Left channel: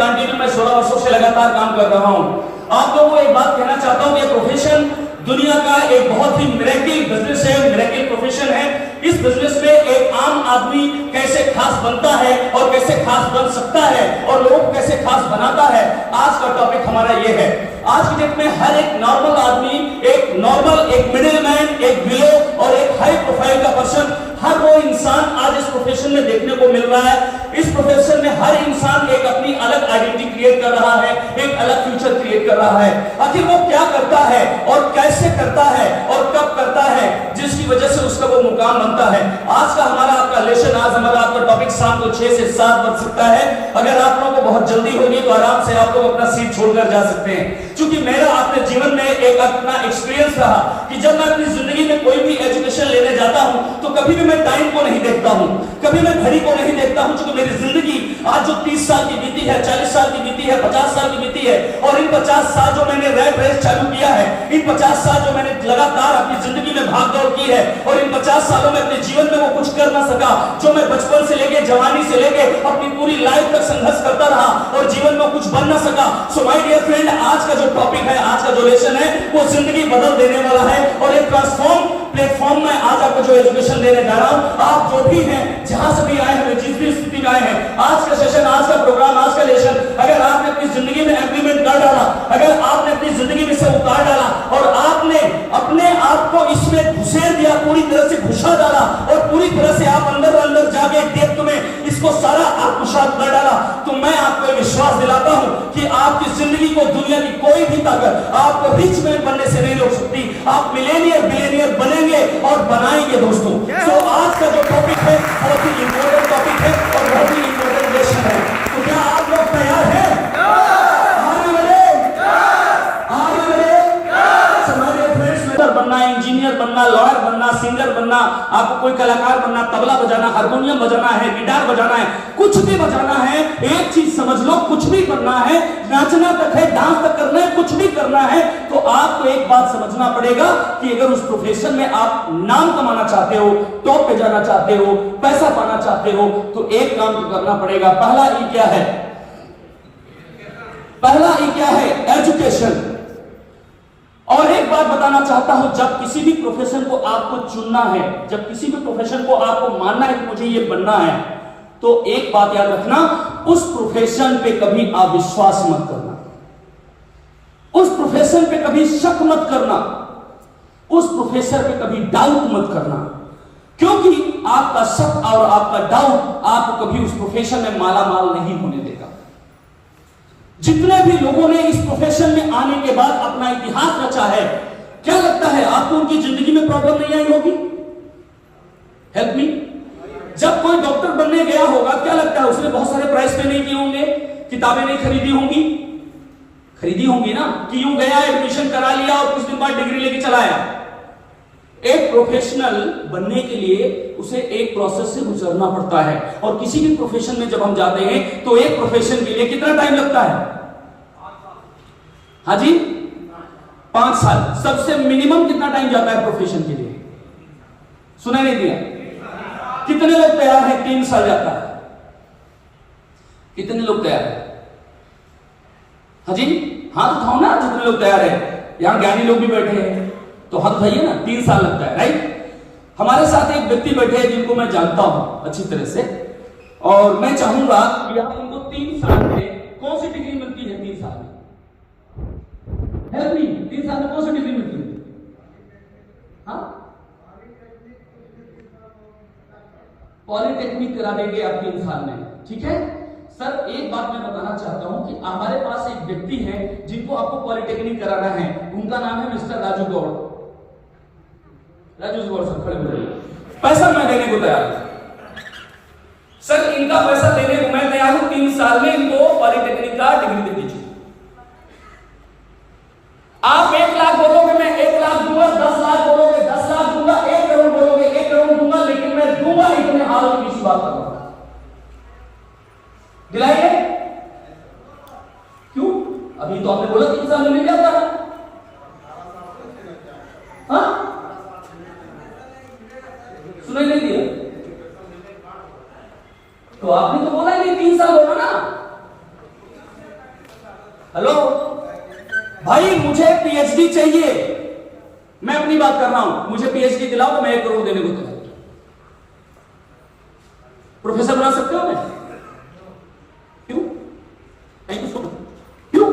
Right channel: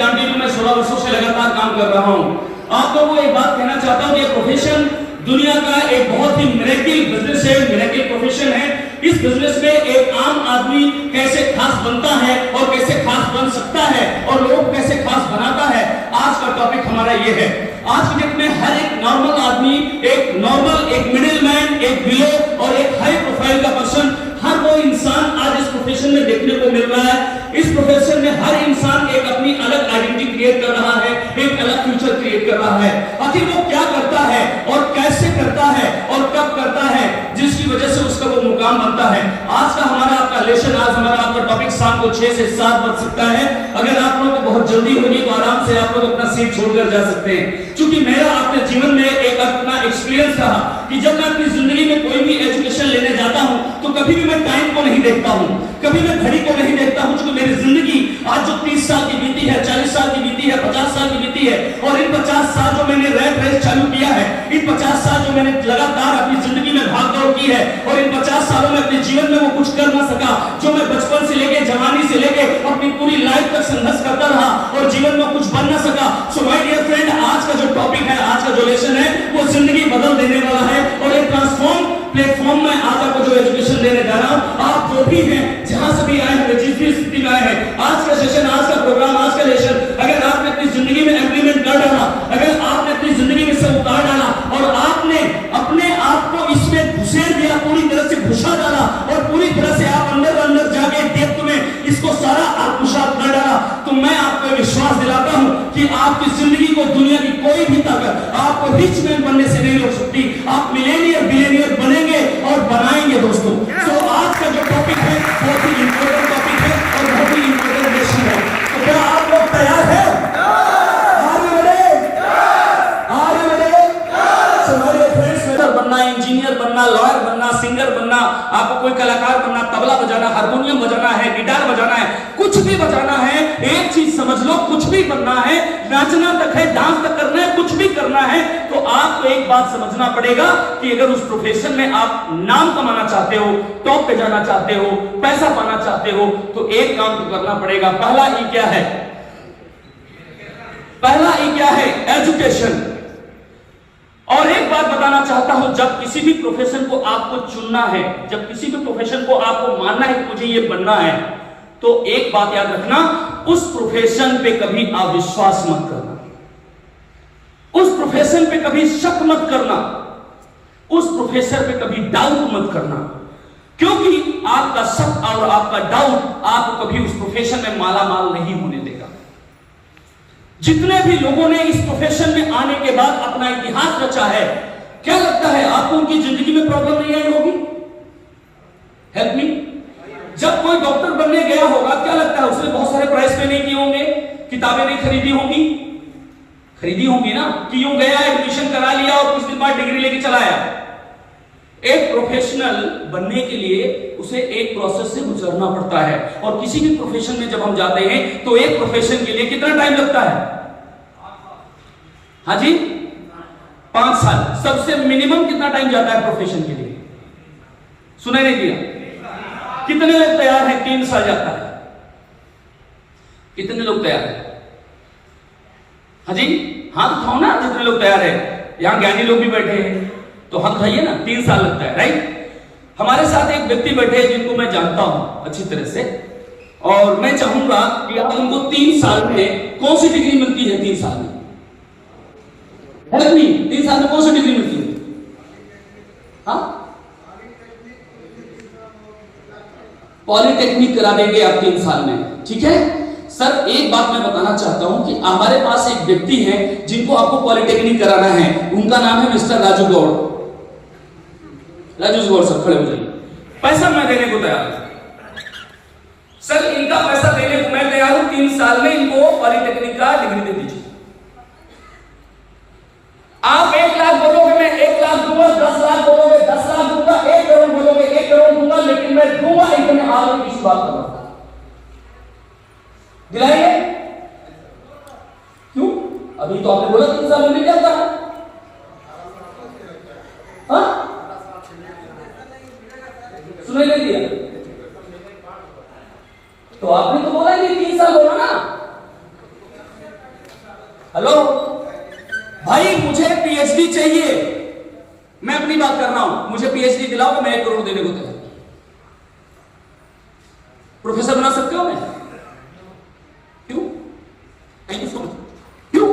गांधी में मैं 16 वर्षों से लगातार काम कर रहा हूं। आप लोगों को एक बात कहना चाहता हूं कि प्रोफेशन दुनिया का एक बहुत ही मिरेकल बिजनेस है, मिरेकल प्रोफेशन है। इस बिजनेस में एक आम आदमी कैसे खास बनता है और कैसे खास बन सकता है और लोगों को कैसे खास बनाता है, आज का टॉपिक हमारा ये है। आज की डेट में हर एक नॉर्मल आदमी, एक नॉर्मल, एक मिडिल मैन, एक बिलो और एक हाई प्रोफाइल का पर्सन, हर वो इंसान आज इस प्रोफेशन में देखने को मिल रहा है। इस प्रोफेशन में हर इंसान एक अपनी अलग आइडेंटिटी क्रिएट कर रहा है, एक अलग फ्यूचर क्रिएट कर रहा है। आखिर वो क्या करता है और कैसे करता है और कब करता है, जिसकी वजह से उसका वो मुकाम बनता है। आज का हमारा आपका लेसन, आज हमारा आपका टॉपिक शाम को 6 से 7 बज सकता है। अगर आप लोगों को बहुत जल्दी होगी तो आराम से आप लोग अपना सीट छोड़कर जा सकते हैं। क्योंकि मेरा अपने जीवन में एक अपना एक्सपीरियंस रहा कि जब मैं अपनी जिंदगी में कोई भी एजुकेशन लेने जाता हूं तो कभी भी मैं टाइम को नहीं देखता हूं, कभी मैं घड़ी को नहीं देखता हूं। क्योंकि मेरी जिंदगी आज जो 30 साल की बीती है, 40 साल की बीती है, 50 साल की बीती है, और इन 50 साल जो मैंने रैट रेस चालू किया है, इन 50 साल जो मैंने लगातार अपनी जिंदगी में भाग दौड़ की है, और इन 50 सालों में अपने जीवन में वो कुछ कर ना सका जो मैं बचपन से लेके, जवानी से लेके अपनी पूरी लाइफ तक संघर्ष करता रहा और जीवन में कुछ बन ना सका। सो माय डियर फ्रेंड, आज का जो टॉपिक है, आज का जो लेसन है, वो जिंदगी बदल देने वाला है। और एक ट्रांसफॉर्म प्लेटफॉर्म में आज आपको जो एजुकेशन लेने जा रहा हूं, आप जो भी हैं, जहां से भी आए हैं, जिस भी स्थिति में आए हैं, आज का सेशन, आज का प्रोग्राम, आज का लेसन, अगर आपने अपनी जिंदगी में इंप्लीमेंट कर डाला, अगर आपने अपनी जिंदगी में से उतार डाला और आपने अपने आप को इसमें घुसेड़ दिया, पूरी तरह से घुसा डाला और पूरी तरह से आप अंदर अंदर जाके डेप्थ में इसको सारा आप कुशात कर डाला, तो मैं आपको विश्वास दिलाता हूं कि आपकी जिंदगी को दुनिया की कोई भी ताकत आपको रिच मैन बनने से नहीं रोक सकती। आप मिलेनियर, बिलियनियर बनेंगे और बनाएंगे दोस्तों। तो आज का जो टॉपिक है बहुत ही इंपॉर्टेंट टॉपिक है और बहुत ही इंपॉर्टेंट लेसन है। तो क्या आप लोग तैयार हैं? आगे बढ़े, आगे बढ़े। हमारे फ्रेंड्स, बनना, इंजीनियर बनना, लॉयर बनना, सिंगर बनना, आपको कोई कलाकार बनना, तबला बजाना, हारमोनियम बजाना है, गिटार बजाना है, कुछ भी बजाना है, एक चीज समझ लो, कुछ भी करना है, नाचना तक है, डांस तक करना है, कुछ भी करना है, तो आपको एक बात समझना पड़ेगा कि अगर उस प्रोफेशन में आप नाम कमाना चाहते हो, टॉप पे जाना चाहते हो, पैसा पाना चाहते हो, तो एक काम तो करना पड़ेगा। पहला ई क्या है? पहला ई क्या है? एजुकेशन। और एक बात बताना चाहता हूं, जब किसी भी प्रोफेशन को आपको चुनना है, जब किसी भी प्रोफेशन को आपको मानना है कि मुझे ये बनना है, तो एक बात याद रखना, उस प्रोफेशन पे कभी अविश्वास मत करना, उस प्रोफेशन पे कभी शक मत करना, उस प्रोफेसर पे कभी डाउट मत करना, क्योंकि आपका शक और आपका डाउट आपको कभी उस प्रोफेशन में मालामाल नहीं होने देगा। जितने भी लोगों ने इस प्रोफेशन में आने के बाद अपना इतिहास रचा है, क्या लगता है आपको उनकी जिंदगी में प्रॉब्लम नहीं आई होगी? Help me. जब कोई डॉक्टर बनने गया होगा, क्या लगता है उसने बहुत सारे प्राइस पे नहीं किए होंगे, किताबें नहीं खरीदी होंगी? खरीदी होंगी ना, कि यूं गया, एडमिशन करा लिया और कुछ दिन बाद डिग्री लेके चला आया। एक प्रोफेशनल बनने के लिए उसे एक प्रोसेस से गुजरना पड़ता है, और किसी भी प्रोफेशन में जब हम जाते हैं तो एक प्रोफेशन के लिए कितना टाइम लगता है? हाँ जी, 5 साल। सबसे मिनिमम कितना टाइम जाता है प्रोफेशन के लिए? सुनाई नहीं दिया? कितने लोग तैयार हैं? 3 साल जाता है। कितने लोग तैयार हैं? हाँ जी, हाथ उठाओ ना जितने लोग तैयार हैं। यहां ज्ञानी लोग भी बैठे हैं तो हाथ उठाइए ना। 3 साल लगता है, राइट? हमारे साथ एक व्यक्ति बैठे हैं जिनको मैं जानता हूं अच्छी तरह से, और मैं चाहूंगा कि आप उनको 3 साल में कौन सी डिग्री मिलती है? 3 साल में 3 साल में कौन सी डिग्री मिलती है? हाँ, पॉलिटेक्निक करा देंगे आप 3 साल में, ठीक है सर। एक बात मैं बताना चाहता हूं कि हमारे पास एक व्यक्ति है जिनको आपको पॉलिटेक्निक कराना है, उनका नाम है मिस्टर राजू गौड़। राजू गौड़ सर, खड़े हो जाइए। पैसा मैं देने को तैयार हूं सर, इनका पैसा देने को मैं तैयार हूं। 3 साल में इनको पॉलिटेक्निक का डिग्री दे दीजिए। आप 1 लाख बोलोगे, मैं 1 लाख दूंगा। 10 लाख बोलोगे, 10 लाख दूंगा। 1 करोड़ बोलोगे, 1 करोड़ दूंगा। लेकिन मैं दूंगा इतने आलों की शुरुआत करूंगा। दिलाएंगे? क्यों? अभी तो आपने बोला 3 साल में नहीं जाता। हाँ, सुनाई नहीं दिया? तो आपने तो बोला नहीं 3 साल होगा ना। हेलो भाई, मुझे पीएचडी चाहिए। मैं अपनी बात कर रहा हूं, मुझे पीएचडी दिलाओ तो मैं 1 करोड़ देने को तैयार। प्रोफेसर बना सकते हो? क्यों? Thank you so much. क्यों?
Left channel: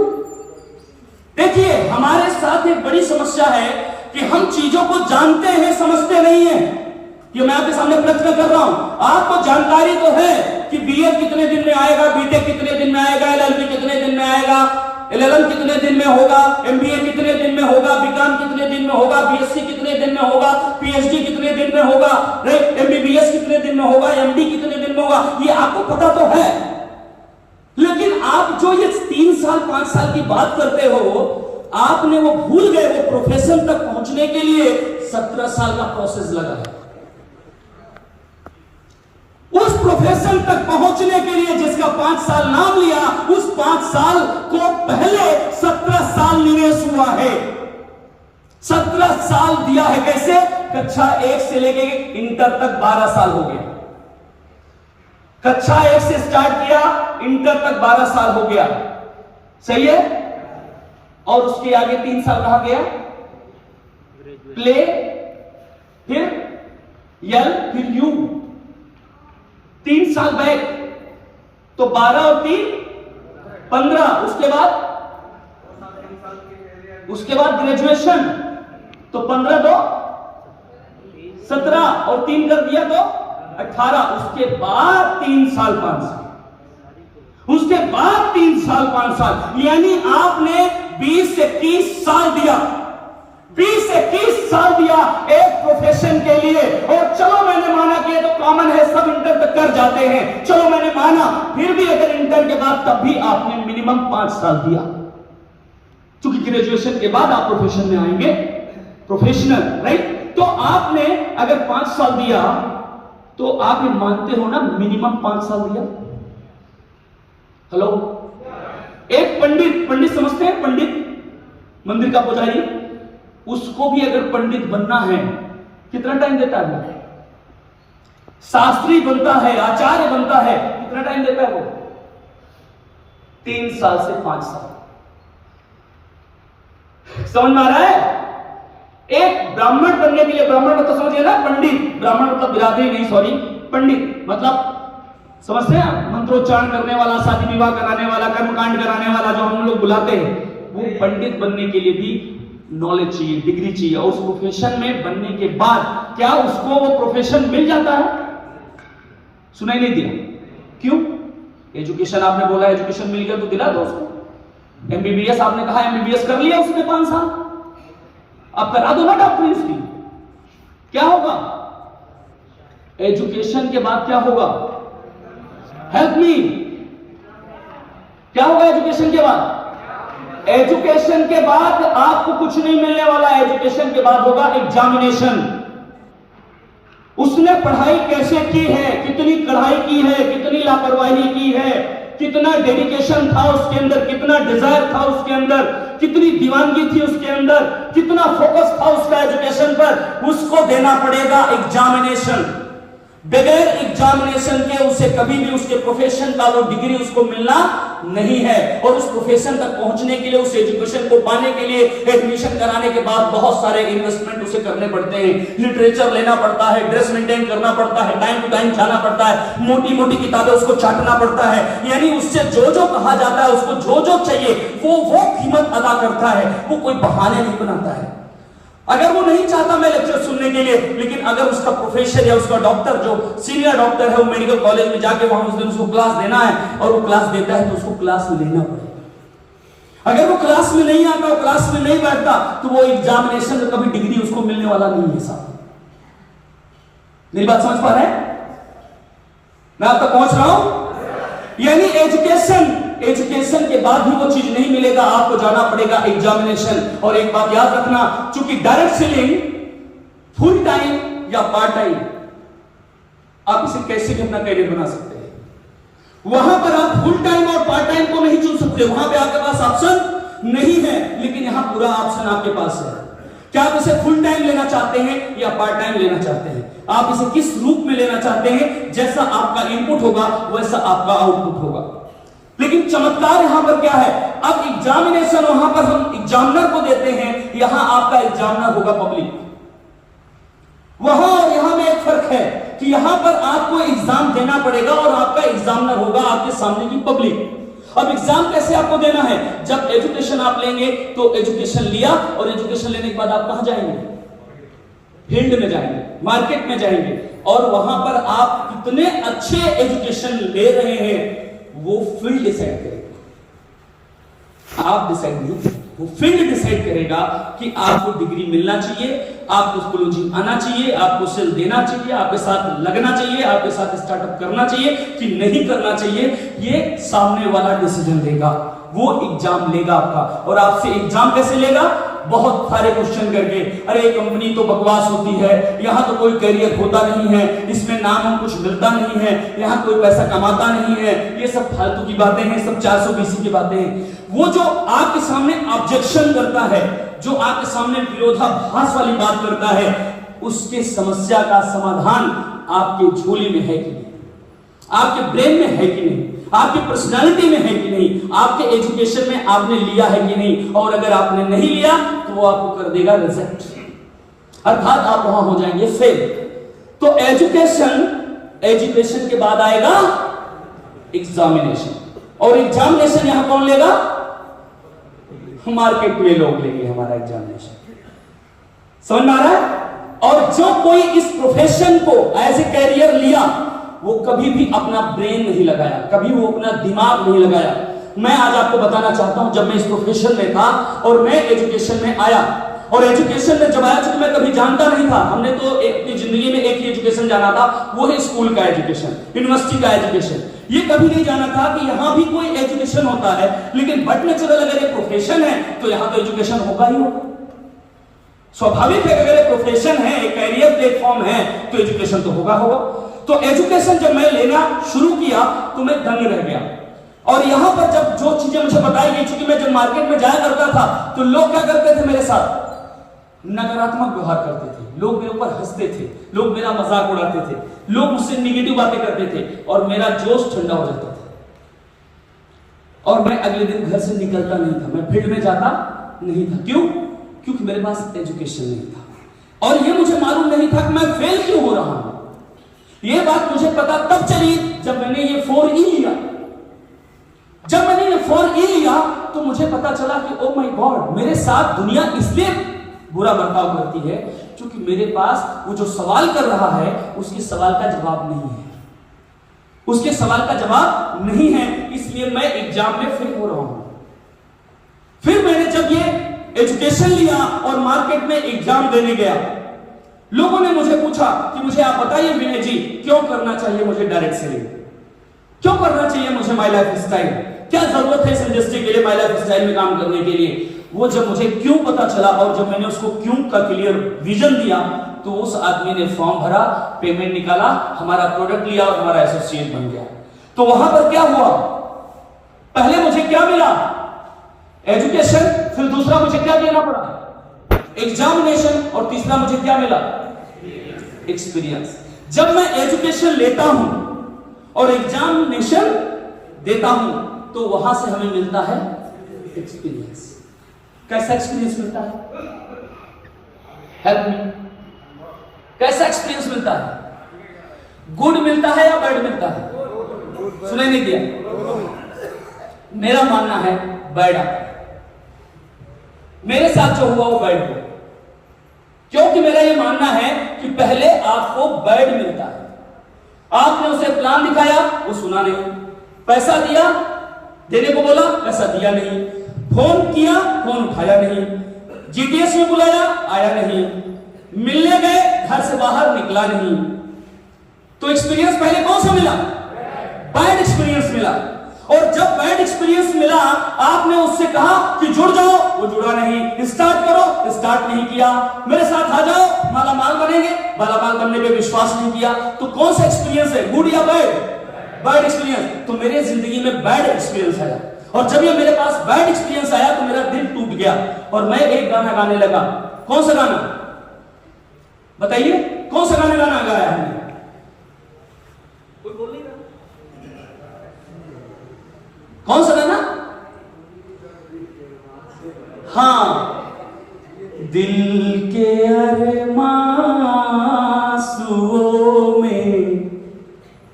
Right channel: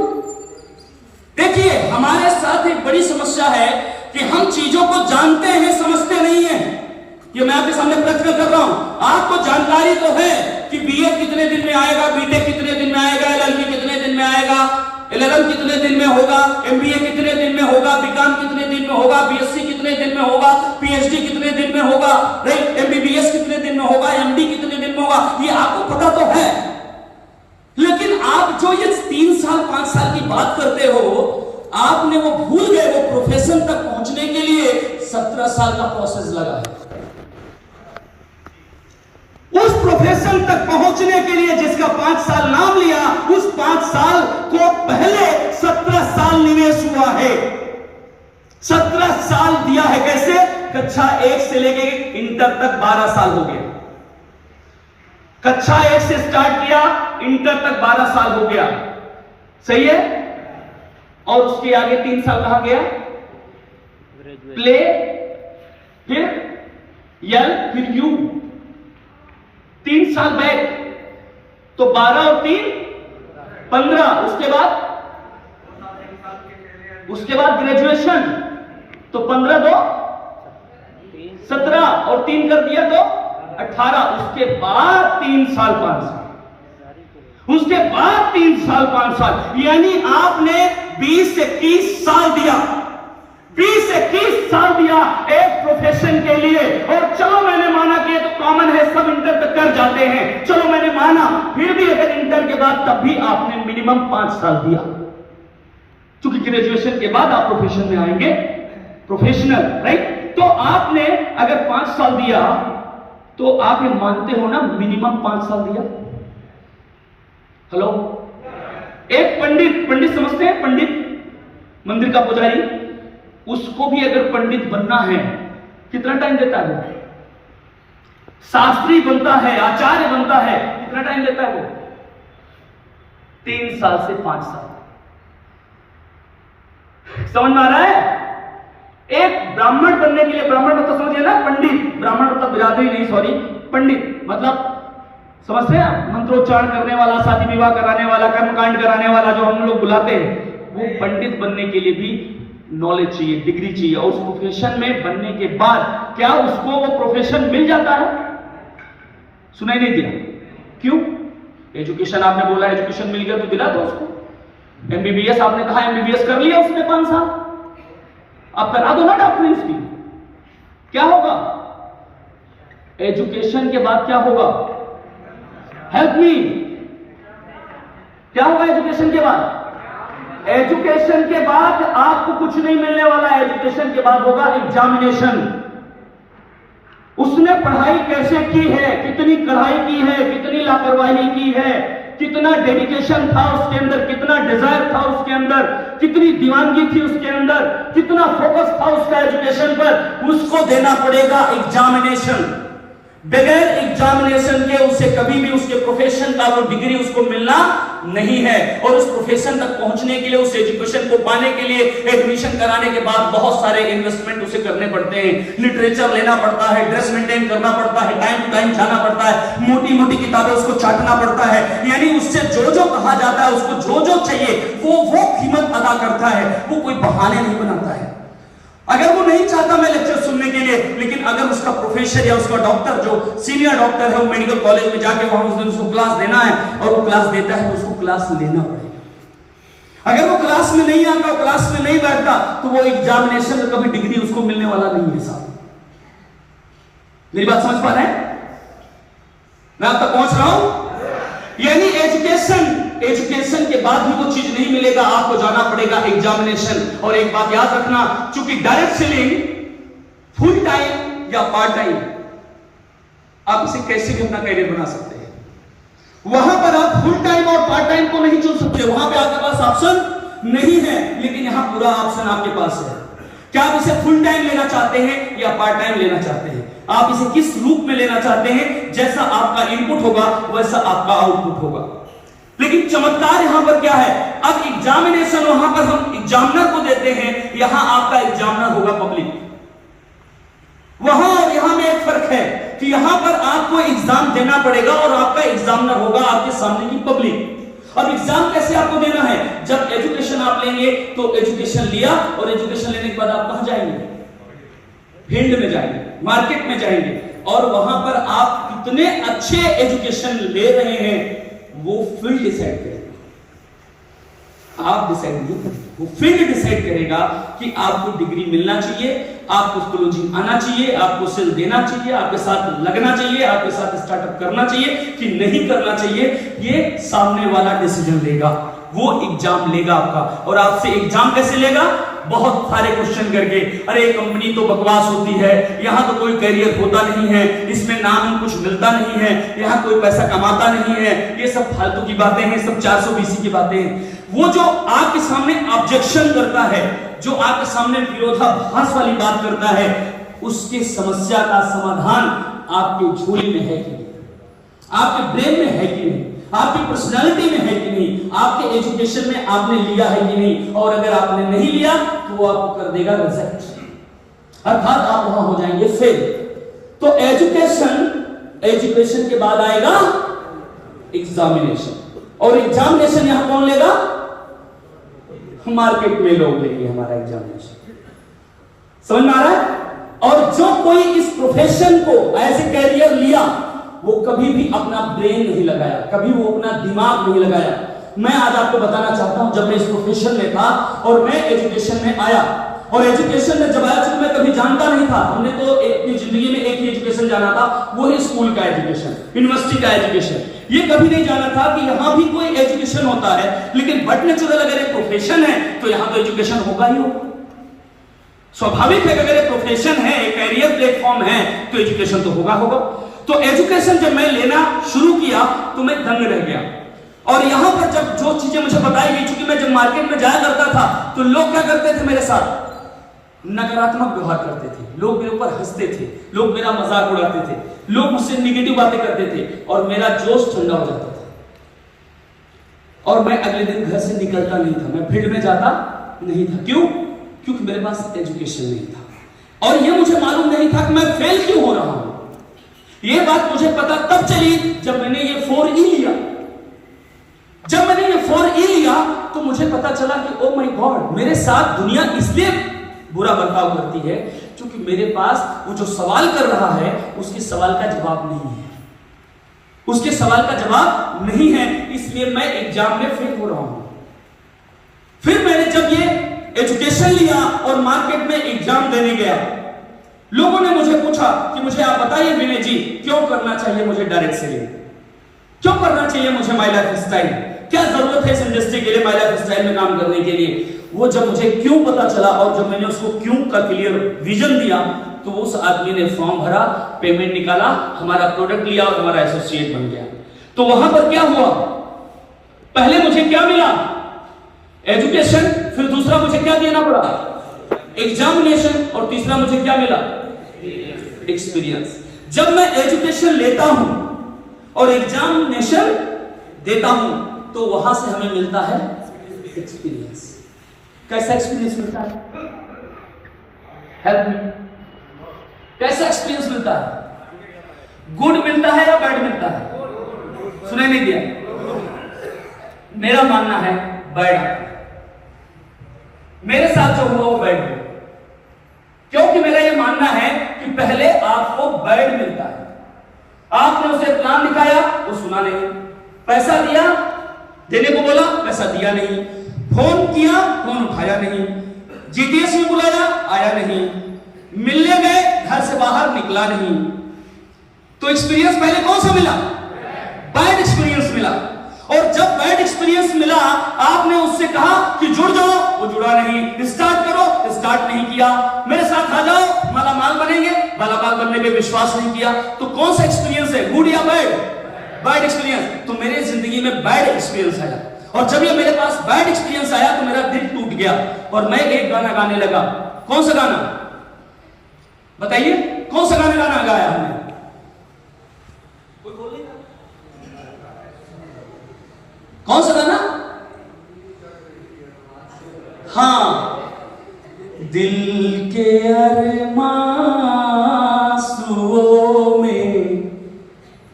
देखिए, हमारे साथ एक बड़ी समस्या है कि हम चीजों को जानते हैं, समझते नहीं है। ये मैं आपके सामने प्रश्न कर रहा हूं। आपको जानकारी तो है कि बीए कितने दिन में आएगा, बीटेक कितने दिन में आएगा, एलएलबी कितने दिन में आएगा, एलएलएम कितने दिन में होगा, एमबीए कितने दिन में होगा, बीकॉम कितने दिन में होगा, बीएससी कितने दिन में होगा, पीएचडी कितने दिन में होगा, एमबीबीएस कितने दिन में होगा, एमडी कितने दिन में होगा, ये आपको पता तो है। लेकिन आप जो ये 3 साल 5 साल की बात करते हो, आपने वो भूल गए, वो प्रोफेशन तक पहुंचने के लिए 17 साल का प्रोसेस लगा है। उस प्रोफेशन तक पहुंचने के लिए जिसका 5 साल नाम लिया, उस 5 साल को पहले 17 साल निवेश हुआ है। 17 साल दिया है। कैसे? कक्षा 1 से लेके इंटर तक 12 साल हो गया। कक्षा 1 से स्टार्ट किया, इंटर तक 12 साल हो गया। सही है? और उसके आगे 3 साल कहां गया? प्ले, फिर यल, फिर यू। 3 साल बैक, तो 12 और 3 15। उसके बाद ग्रेजुएशन, तो 15 2 17 और 3 कर दिया तो 18। उसके बाद 3 साल 5 साल, उसके बाद 3 साल 5 साल, यानी आपने 20 से 30 साल दिया। 20 से 30 साल दिया एक प्रोफेशन के लिए। और चलो मैंने माना कि ये तो कॉमन है, सब इंटर तक कर जाते हैं, चलो मैंने माना, फिर भी अगर इंटर के बाद तब भी आपने मिनिमम 5 साल दिया, क्योंकि ग्रेजुएशन के बाद आप प्रोफेशन में आएंगे, प्रोफेशनल, राइट? तो आपने अगर 5 साल दिया तो आप ये मानते हो ना मिनिमम 5 साल दिया। हेलो, एक पंडित समझते हैं? पंडित, मंदिर का पुजारी, उसको भी अगर पंडित बनना है कितना टाइम देता है वो? शास्त्री बनता है, आचार्य बनता है, कितना टाइम देता है वो? 3 साल से 5 साल। समझ में आ रहा है? एक ब्राह्मण बनने के लिए, ब्राह्मण मतलब समझिए ना, पंडित, ब्राह्मण मतलब बिरादरी नहीं, सॉरी, पंडित मतलब समझते हैं? मंत्रोच्चारण करने वाला, शादी विवाह कराने वाला, कर्मकांड कराने वाला, जो हम लोग बुलाते हैं, वो पंडित बनने के लिए भी नॉलेज चाहिए, डिग्री चाहिए। और उस प्रोफेशन में बनने के बाद क्या उसको वो प्रोफेशन मिल जाता है? सुनाई नहीं दिया? क्यों? एजुकेशन आपने बोला, एजुकेशन मिल गया तो दिला दो उसको। एमबीबीएस आपने कहा, एमबीबीएस कर लिया उसने 5 साल, अब करा दो ना डॉक्टरी उसकी। क्या होगा एजुकेशन के बाद? क्या होगा? हेल्प मी, क्या होगा एजुकेशन के बाद? एजुकेशन के बाद आपको कुछ नहीं मिलने वाला है। एजुकेशन के बाद होगा एग्जामिनेशन। उसने पढ़ाई कैसे की है, कितनी कढ़ाई की है, कितनी लापरवाही की है, कितना डेडिकेशन था उसके अंदर, कितना डिजायर था उसके अंदर, कितनी दीवानगी थी उसके अंदर, कितना फोकस था उसका एजुकेशन पर, उसको देना पड़ेगा एग्जामिनेशन। बगैर एग्जामिनेशन के उसे कभी भी उसके प्रोफेशन का वो डिग्री उसको मिलना नहीं है। और उस प्रोफेशन तक पहुंचने के लिए, उस एजुकेशन को पाने के लिए, एडमिशन कराने के बाद बहुत सारे इन्वेस्टमेंट उसे करने पड़ते हैं। लिटरेचर लेना पड़ता है, ड्रेस मेंटेन करना पड़ता है, टाइम टू टाइम जाना पड़ता है, मोटी मोटी किताबें उसको चाटना पड़ता है। यानी उससे जो जो कहा जाता है, उसको जो जो चाहिए वो कीमत अदा करता है। वो कोई बहाने नहीं बनाता है। अगर वो नहीं चाहता मैं लेक्चर सुनने के लिए, लेकिन अगर उसका प्रोफेसर या उसका डॉक्टर, जो सीनियर डॉक्टर है, वो मेडिकल कॉलेज में जाके वहां उस दिन उसको क्लास देना है और वो क्लास देता है, तो उसको क्लास लेना पड़ेगा। अगर वो क्लास में नहीं आता, क्लास में नहीं बैठता, तो वो एग्जामिनेशन में कभी डिग्री उसको मिलने वाला नहीं है साहब। मेरी बात समझ पा रहे हैं? मैं आप तक पहुंच रहा हूं? यानी एजुकेशन के बाद भी वो चीज नहीं मिलेगा, आपको जाना पड़ेगा एग्जामिनेशन। और एक बात याद रखना, चूंकि डायरेक्ट सेलिंग फुल टाइम या पार्ट टाइम, आप इसे कैसे भी अपना कैरियर बना सकते हैं। वहां पर आप फुल टाइम और पार्ट टाइम को नहीं चुन सकते, वहां पे आपके पास ऑप्शन नहीं है। लेकिन यहां पूरा ऑप्शन आपके पास है। क्या आप इसे फुल टाइम लेना चाहते हैं या पार्ट टाइम लेना चाहते हैं? आप इसे किस रूप में लेना चाहते हैं? जैसा आपका इनपुट होगा वैसा आपका आउटपुट होगा। लेकिन चमत्कार यहां पर क्या है, अब एग्जामिनेशन वहां पर हम एग्जामिनर को देते हैं, यहां आपका एग्जामिनर होगा पब्लिक। वहां और यहां में एक फर्क है कि यहां पर आपको एग्जाम देना पड़ेगा और आपका एग्जामिनर होगा आपके सामने की पब्लिक। अब एग्जाम कैसे आपको देना है? जब एजुकेशन आप लेंगे तो एजुकेशन लिया और एजुकेशन लेने के बाद आप कहां जाएंगे? फील्ड में जाएंगे, मार्केट में जाएंगे और वहां पर आप कितने अच्छे एजुकेशन ले रहे हैं वो फील्ड डिसाइड करेगा। आप डिसाइड नहीं, वो फील्ड डिसाइड करेगा कि आपको डिग्री मिलना चाहिए, आपको क्लोजिंग आना चाहिए, आपको सेल देना चाहिए, आपके साथ लगना चाहिए, आपके साथ स्टार्टअप करना चाहिए कि नहीं करना चाहिए। ये सामने वाला डिसीजन लेगा, वो एग्जाम लेगा आपका। और आपसे एग्जाम कैसे लेगा? बहुत सारे क्वेश्चन करके, अरे कंपनी तो बकवास होती है, यहां तो कोई करियर होता नहीं है, इसमें नाम कुछ मिलता नहीं है, यहां कोई पैसा कमाता नहीं है, ये सब फालतू की बातें हैं, सब 420 की बातें हैं। वो जो आपके सामने ऑब्जेक्शन करता है, जो आपके सामने विरोधाभास वाली बात करता है, उसके समस्या का समाधान आपके झोली में है कि नहीं, आपके ब्रेन में है कि नहीं, आपकी पर्सनालिटी में है कि नहीं, आपके एजुकेशन में आपने लिया है कि नहीं। और अगर आपने नहीं लिया तो वो आपको कर देगा रिजेक्ट, अर्थात आप वहां हो जाएंगे फेल। तो एजुकेशन के बाद आएगा एग्जामिनेशन, और एग्जामिनेशन यहां कौन लेगा? मार्केट में लोग लेंगे हमारा एग्जामिनेशन। समझ में आ रहा है? और जो कोई इस प्रोफेशन को एज ए कैरियर लिया, वो कभी भी अपना ब्रेन नहीं लगाया, कभी वो अपना दिमाग नहीं लगाया। मैं आज आपको बताना चाहता हूं, जब मैं इस प्रोफेशन में था और मैं एजुकेशन में आया, और एजुकेशन में जब आया, चूंकि मैं कभी जानता नहीं था, हमने तो अपनी जिंदगी में एक ही एजुकेशन जाना था, वो है स्कूल का एजुकेशन, यूनिवर्सिटी का एजुकेशन। ये कभी नहीं जाना था कि यहां भी कोई एजुकेशन होता है, लेकिन बट नेचुरल अगर एक प्रोफेशन है तो यहां तो एजुकेशन होगा ही होगा। स्वाभाविक है, अगर एक प्रोफेशन है, एक कैरियर प्लेटफॉर्म है, तो एजुकेशन तो होगा होगा। तो एजुकेशन जब मैं लेना शुरू किया तो मैं दंग रह गया। और यहां पर जब जो चीजें मुझे बताई गई, चूंकि मैं जब मार्केट में जाया करता था तो लोग क्या करते थे मेरे साथ? नकारात्मक व्यवहार करते थे, लोग मेरे ऊपर हंसते थे, लोग मेरा मजाक उड़ाते थे, लोग मुझसे निगेटिव बातें करते थे, और मेरा जोश ठंडा हो जाता था और मैं अगले दिन घर से निकलता नहीं था, मैं फील्ड में जाता नहीं था। क्यों? क्योंकि मेरे पास एजुकेशन नहीं था और ये मुझे मालूम नहीं था कि मैं फेल क्यों हो रहा हूं। ये बात मुझे पता तब चली जब मैंने ये 4E लिया। जब मैंने ये 4E लिया तो मुझे पता चला कि ओ माय गॉड, मेरे साथ दुनिया इसलिए बुरा बर्ताव करती है क्योंकि मेरे पास वो जो सवाल कर रहा है उसके सवाल का जवाब नहीं है, उसके सवाल का जवाब नहीं है, इसलिए मैं एग्जाम में फेल हो रहा हूं। फिर मैंने जब ये एजुकेशन लिया और मार्केट में एग्जाम देने गया, लोगों ने मुझे पूछा कि मुझे आप बताइए विनय जी, क्यों करना चाहिए मुझे डायरेक्ट सेलिंग, क्यों करना चाहिए मुझे माय लाइफ स्टाइल, क्या जरूरत है इस इंडस्ट्री के लिए, माय लाइफ स्टाइल में काम करने के लिए। वो जब मुझे क्यों पता चला और जब मैंने उसको क्यों का क्लियर विजन दिया, तो उस आदमी ने फॉर्म भरा, पेमेंट निकाला, हमारा प्रोडक्ट लिया और हमारा एसोसिएट बन गया। तो वहां पर क्या हुआ? पहले मुझे क्या मिला? एजुकेशन, फिर दूसरा मुझे क्या देना पड़ा? एग्जामिनेशन, और तीसरा मुझे क्या मिला? एक्सपीरियंस। जब मैं एजुकेशन लेता हूं और एग्जामिनेशन देता हूं तो वहां से हमें मिलता है एक्सपीरियंस। कैसा एक्सपीरियंस मिलता है? हेल्प मी, कैसा एक्सपीरियंस मिलता है? गुड मिलता है या बैड मिलता है? सुनाई नहीं दिया? मेरा मानना है बैड। मेरे साथ जो हुआ वो बैड हुआ, क्योंकि मेरा ये मानना है कि पहले आपको बैड मिलता है। आपने उसे प्लान दिखाया, वो सुना नहीं, पैसा दिया, देने को बोला, पैसा दिया नहीं, फोन किया, फोन उठाया नहीं, जीटीएस में बुलाया, आया नहीं, मिलने गए, घर से बाहर निकला नहीं। तो एक्सपीरियंस पहले कौन सा मिला? बैड एक्सपीरियंस मिला। और जब बैड एक्सपीरियंस मिला, आपने उससे कहा कि जुड़ जाओ, वो जुड़ा नहीं, स्टार्ट करो, स्टार्ट नहीं किया, मेरे साथ आ जाओ, माला माल बनेंगे, माला माल बनने पे विश्वास नहीं किया। तो कौन सा एक्सपीरियंस है, गुड या बैड? Bad experience. तो मेरे जिंदगी में बैड एक्सपीरियंस आया, और जब ये मेरे पास बैड एक्सपीरियंस आया तो मेरा दिल टूट गया और मैं एक गाना गाने लगा। कौन सा गाना बताइए? कौन सा गाना गाया हमने? कोई बोल नहीं रहा। कौन सा गाना? हाँ, दिल के अरमांसुओं में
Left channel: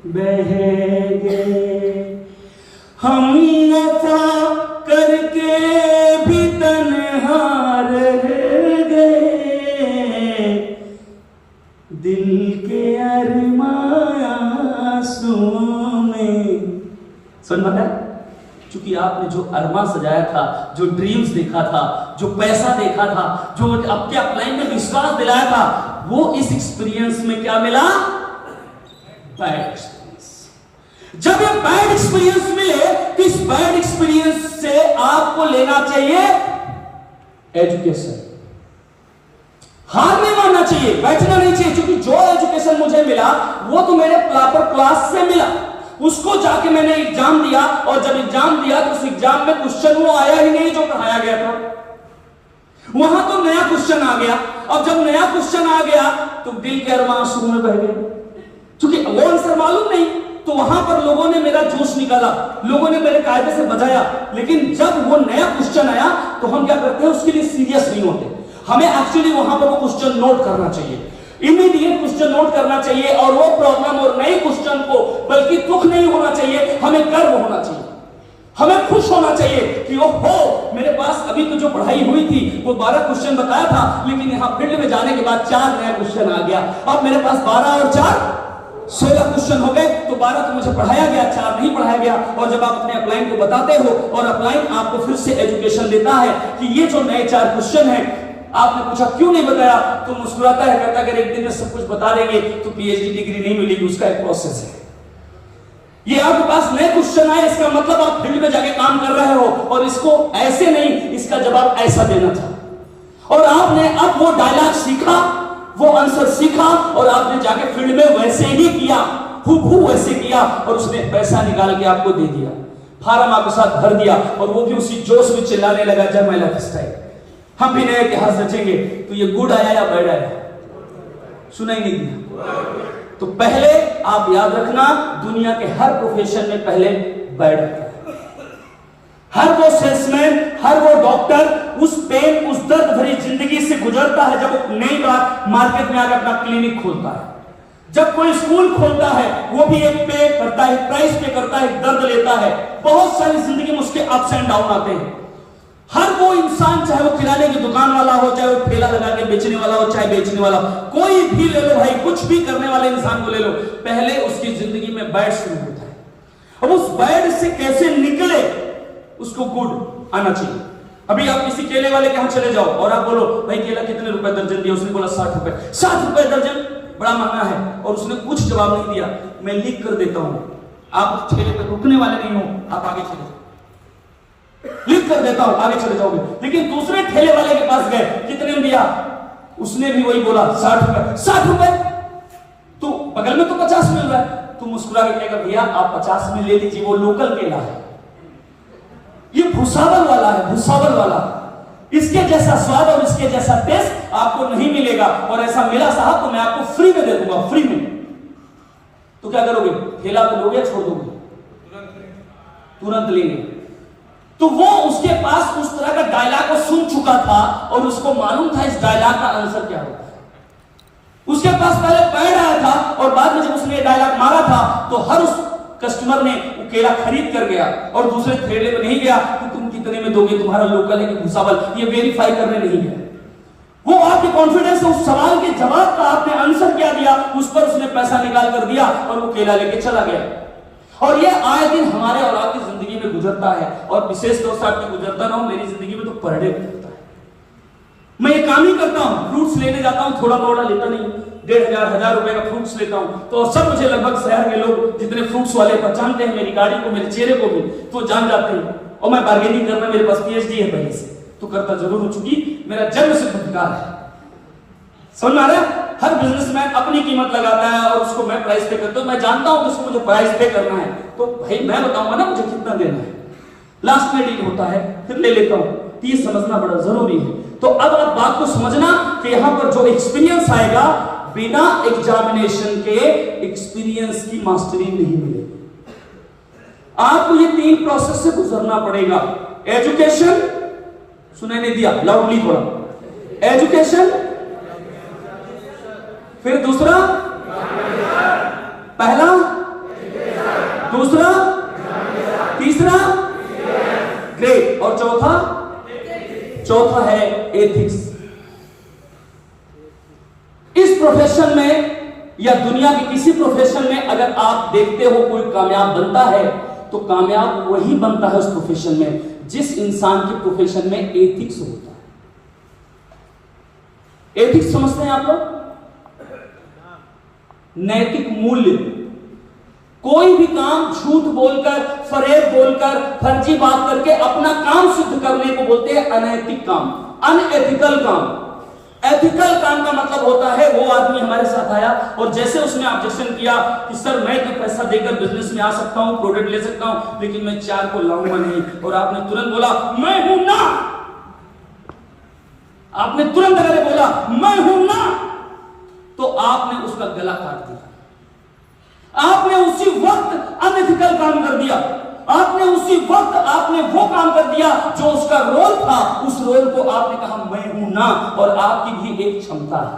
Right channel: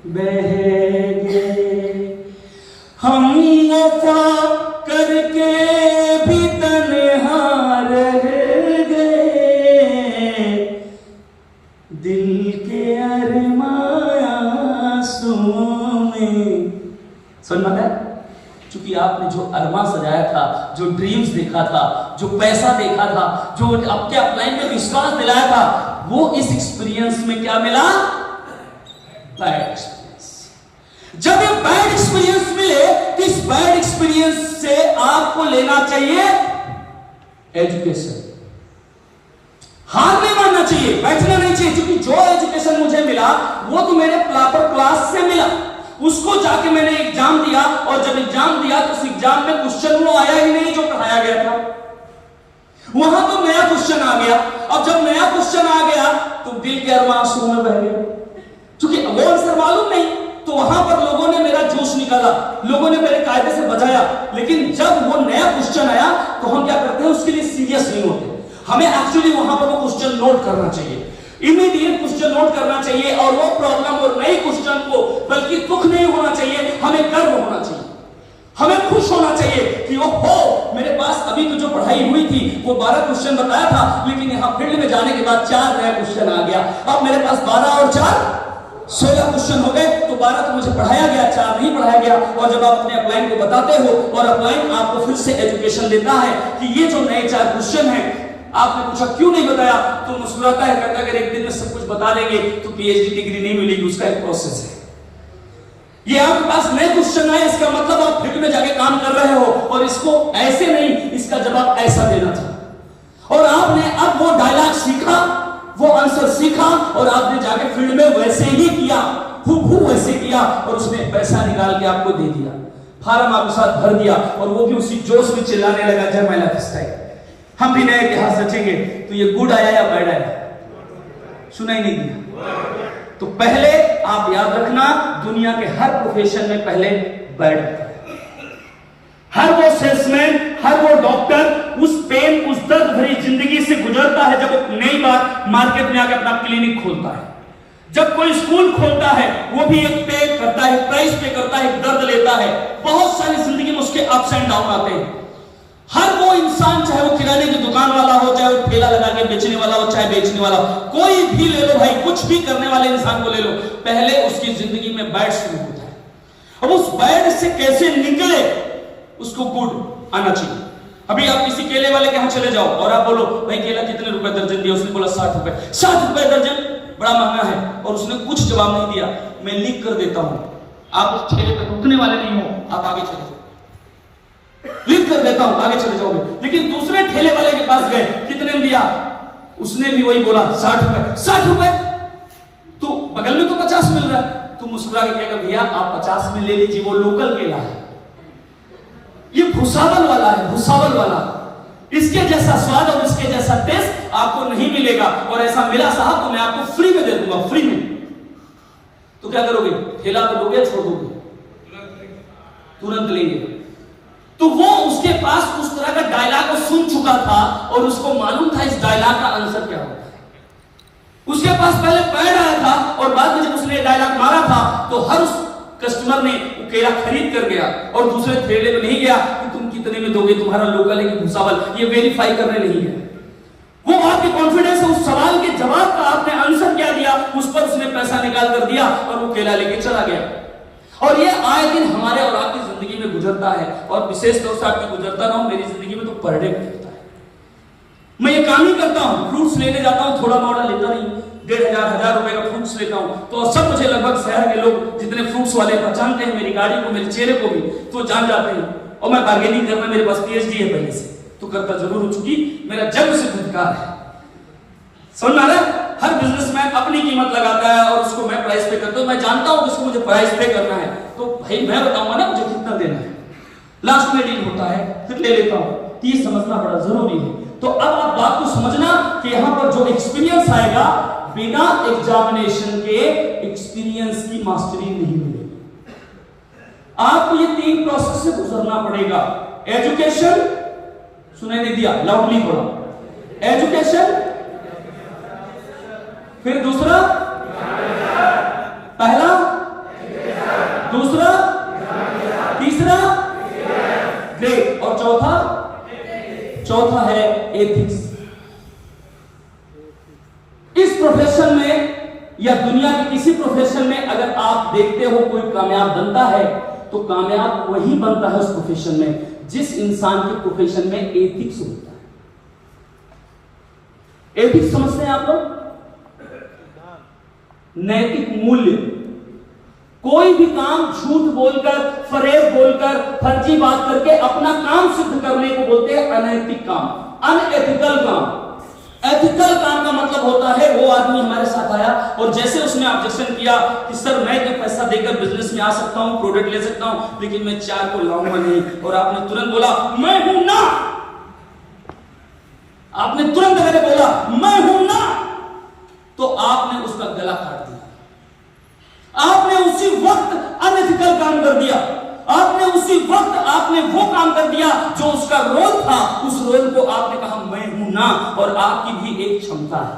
बह गए हम, वफा करके भी तन्हा रह गए, दिल के अरमांसुओं में। सुनना है, क्योंकि आपने जो अरमान सजाया था, जो ड्रीम्स देखा था, जो पैसा देखा था, जो आपके अपलाइन में विश्वास दिलाया था, वो इस एक्सपीरियंस में क्या मिला? Bad experience. जब ये बैड एक्सपीरियंस मिले, इस बैड एक्सपीरियंस से आपको लेना चाहिए एजुकेशन। हार नहीं मानना चाहिए, बैठना नहीं चाहिए, क्योंकि जो एजुकेशन मुझे मिला वो तो मेरे प्रॉपर क्लास से मिला। उसको जाके मैंने एग्जाम दिया, और जब एग्जाम दिया तो उस एग्जाम में क्वेश्चन वो आया ही नहीं जो पढ़ाया गया था, वहां तो नया क्वेश्चन आ गया। अब जब नया क्वेश्चन आ गया तो दिल के अरमांसू में बह गए, क्योंकि वो आंसर मालूम नहीं। तो वहां पर लोगों ने मेरा जोश निकाला, लोगों ने मेरे कायदे से बजाया, लेकिन जब वो नया क्वेश्चन आया तो हम क्या करते हैं, उसके लिए सीरियस नहीं होते। हमें एक्चुअली वहां पर वो क्वेश्चन नोट करना चाहिए, इमीडिएट क्वेश्चन नोट करना चाहिए, और वो प्रॉब्लम और नए क्वेश्चन को बल्कि दुख नहीं होना चाहिए, हमें गर्व होना चाहिए, हमें खुश होना चाहिए कि ओहो, मेरे पास अभी तो जो पढ़ाई हुई थी वो 12 क्वेश्चन बताया था, लेकिन यहां फील्ड में जाने के बाद 4 नए क्वेश्चन आ गया। अब मेरे पास 12 और 4 16 क्वेश्चन हो गए। तो 12 तो मुझे पढ़ाया गया, 4 नहीं पढ़ाया गया। और जब आप अपने अपलाइन को बताते हो और अपलाइन आपको फिर से एजुकेशन देता है कि ये जो नए 4 क्वेश्चन हैं, आपने पूछा क्यों नहीं बताया, तो मुस्कुराता है, कहता है अगर एक दिन में सब कुछ बता देंगे तो पीएचडी डिग्री नहीं मिलेगी, उसका एक प्रोसेस है। ये आपके पास नए क्वेश्चन आए, इसका मतलब आप फील्ड में जाके काम कर रहे हो, और इसको ऐसे नहीं, इसका जवाब ऐसा देना था। और आपने अब वो डायलॉग सीखा, वो आंसर सीखा, और आपने जाके फील्ड में वैसे ही किया, हूबहू वैसे किया, और उसने पैसा निकाल के आपको दे दिया, फार्म आपके साथ भर दिया, और वो भी उसी जोश में चिल्लाने लगा, जब माय लाइफ स्टाइल। हम भी नया इतिहास रखेंगे। तो ये गुड आया या बैड आया? सुना ही नहीं दिया। तो पहले आप याद रखना, दुनिया के हर प्रोफेशन में पहले बैड आता है। हर वो सेल्समैन, हर वो डॉक्टर उस पेन, उस दर्द भरी जिंदगी से गुजरता है जब एक नई बार मार्केट में आकर अपना क्लिनिक खोलता है, जब कोई स्कूल खोलता है, वो भी एक पे करता है, प्राइस पे करता है, दर्द लेता है। बहुत सारी जिंदगी में उसके अप्स एंड डाउन आते हैं। हर वो इंसान, चाहे वो किराने की दुकान वाला हो, चाहे वो ठेला लगा के बेचने वाला हो, चाहे बेचने वाला, कोई भी ले लो भाई, कुछ भी करने वाले इंसान को ले लो, पहले उसकी जिंदगी में बैड शुरू होता है। अब उस बैड से कैसे निकले, उसको गुड आना चाहिए। अभी आप किसी केले वाले के यहाँ चले जाओ और आप बोलो भाई केला कितने रुपए दर्जन दिया, उसने बोला 60 रुपए। 60 रुपए दर्जन बड़ा महंगा है, और उसने कुछ जवाब नहीं दिया। मैं लिख कर देता हूं, आप उस ठेले पे रुकने वाले नहीं हो, आप आगे चले जाओ, लिख कर देता हूं, आगे चले जाओगे। लेकिन दूसरे ठेले वाले के पास गए, कितने में दिया, उसने भी वही बोला 60 रुपए। 60 रुपए, तो बगल में तो 50 मिल रहा है। तू मुस्कुरा कर कहेगा भैया आप 50 में ले लीजिए, वो लोकल केला है, ये भुसावल वाला है, भुसावल वाला, इसके जैसा स्वाद और इसके जैसा टेस्ट आपको नहीं मिलेगा, और ऐसा मिला साहब तो मैं आपको फ्री में दे दूंगा, फ्री में। तो क्या करोगे, ठेला तो लोगे, छोड़ दोगे? तुरंत लेंगे। तो वो उसके पास उस तरह का डायलॉग को सुन चुका था, और उसको मालूम था इस डायलॉग का आंसर क्या होता है। उसके पास पहले पैड आया था, और बाद में जब उसने डायलॉग मारा था तो हर उस कस्टमर ने वो केला खरीद कर गया, और दूसरे ठेले में नहीं गया कि तुम कितने में दोगे, तुम्हारा लोकल है कि भुसावल, ये वेरीफाई करने नहीं गया। वो आपके कॉन्फिडेंस है, उस सवाल के जवाब का आपने आंसर क्या दिया, उस पर उसने पैसा निकाल कर दिया, और वो केला लेके चला गया। और ये आए दिन हमारे और आपकी जिंदगी में गुजरता है, और विशेष तौर से आपकी गुजरता रहा हूं, मेरी जिंदगी में तो पर डे गुजरता है। मैं ये काम ही करता हूं, फ्रूट्स लेने जाता हूं, थोड़ा मोड़ा लेता नहीं, 1500-1000 रुपए का फ्रूट्स लेता हूं। तो सब मुझे लगभग शहर के लोग जितने फ्रूट्स वाले पहचानते हैं, मेरी गाड़ी को, मेरे चेहरे को भी, तो जान जाते हैं। और मैं बार्गेनिंग करना, मेरे पास पीएचडी है पहले से, तो करता जरूर हूं, चूंकि मेरा जन्म से अधिकार है। समझ आ रहा है? हर बिजनेसमैन अपनी कीमत लगाता है, और उसको मैं प्राइस पे करता हूं। मैं जानता हूं किसको मुझे प्राइस पे करना है, तो भाई मैं बताऊंगा ना मुझे कितना देना है, लास्ट में डील होता है, फिर ले लेता हूं। ये समझना बड़ा जरूरी है। तो अब आप बात को समझना कि यहां पर जो एक्सपीरियंस आएगा, बिना एग्जामिनेशन के एक्सपीरियंस की मास्टरी नहीं मिलेगी। आपको ये 3 प्रोसेस से गुजरना पड़ेगा, एजुकेशन, सुनाई नहीं दिया, लाउडली पढ़ा। एजुकेशन, फिर दूसरा, पहला, दूसरा, तीसरा ग्रेट, और चौथा है एथिक्स। इस प्रोफेशन में या दुनिया के किसी प्रोफेशन में अगर आप देखते हो कोई कामयाब बनता है तो कामयाब वही बनता है उस प्रोफेशन में जिस इंसान के प्रोफेशन में एथिक्स होता है। एथिक्स समझते हैं आप लोग? नैतिक मूल्य। कोई भी काम झूठ बोलकर, फरेब बोलकर, फर्जी बात करके अपना काम सिद्ध करने को बोलते हैं अनैतिक काम, अनएथिकल काम। एथिकल काम का मतलब होता है वो आदमी हमारे साथ आया और जैसे उसने ऑब्जेक्शन किया कि सर मैं तो पैसा देकर बिजनेस में आ सकता हूं, प्रोडक्ट ले सकता हूं, लेकिन मैं 4 को लाऊंगा नहीं, और आपने तुरंत बोला मैं हूं ना, आपने तुरंत अगर बोला मैं हूं ना, तो आपने उसका गला काट दिया। आपने उसी वक्त अनएथिकल काम कर दिया। आपने उसी वक्त आपने वो काम कर दिया जो उसका रोल था, उस रोल को आपने कहा मैं हूं ना, और आपकी भी एक क्षमता है।